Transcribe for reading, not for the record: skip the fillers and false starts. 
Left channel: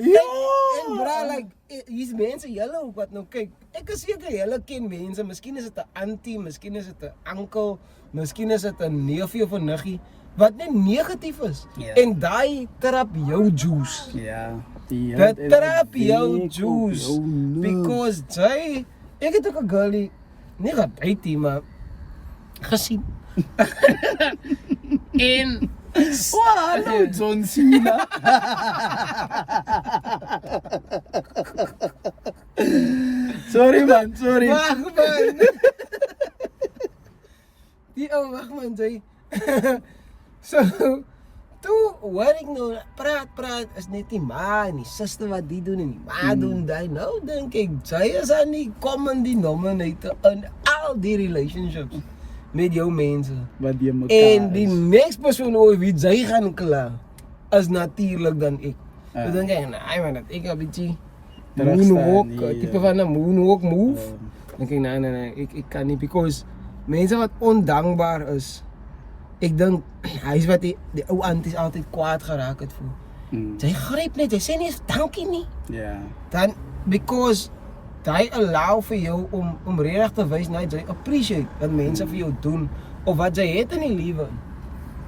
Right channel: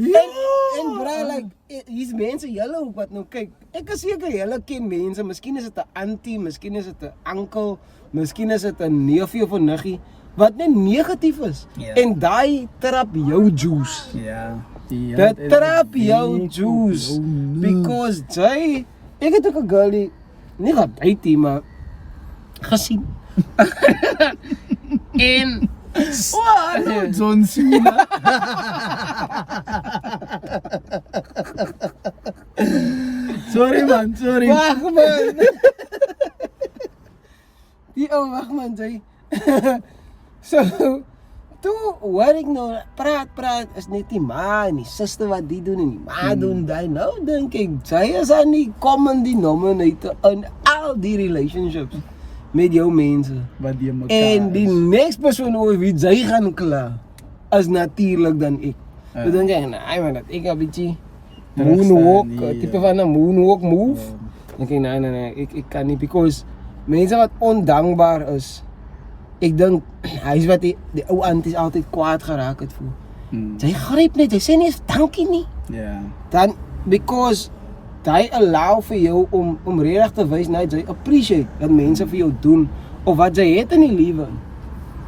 En bra, like, hier's mense julle ook wat nou kyk. Ek is seker julle ken mense, miskien is dit 'n auntie, miskien is dit 'n oom, miskien is dit 'n neefie of 'n niggie wat net negatief is. Ja. En daai trap jou juice. Ja. Dat trap jou juice. Because jy, ek het ook 'n girlie nie gedate nie, maar gesien. En Hallo John Cena. Sorry man, sorry. wag man. Die ou wag man, jy. So, toe hoor ek nou praat is net die ma en die suster wat die doen en die ma doen daai. Nou dink ek jy is aan die common denominator in al die relationships met jou mense. Wat die mekaar En die next persoon oor wie jy gaan kla is natuurlik dan ek. So dink ek, nee man, dat ek 'n bietjie moonwalk, tipe van 'n moonwalk move. Dink ek nee, ek kan nie, because mense wat ondankbaar is, ek dink hy's wat die ou aunties altyd kwaad geraak het voel. Jy gryp net, jy sê nie eens dankie nie. Ja. Dan because hy allow vir jou om regtig te wys nou jy appreciate wat mense vir jou doen of wat jy het in die lewe.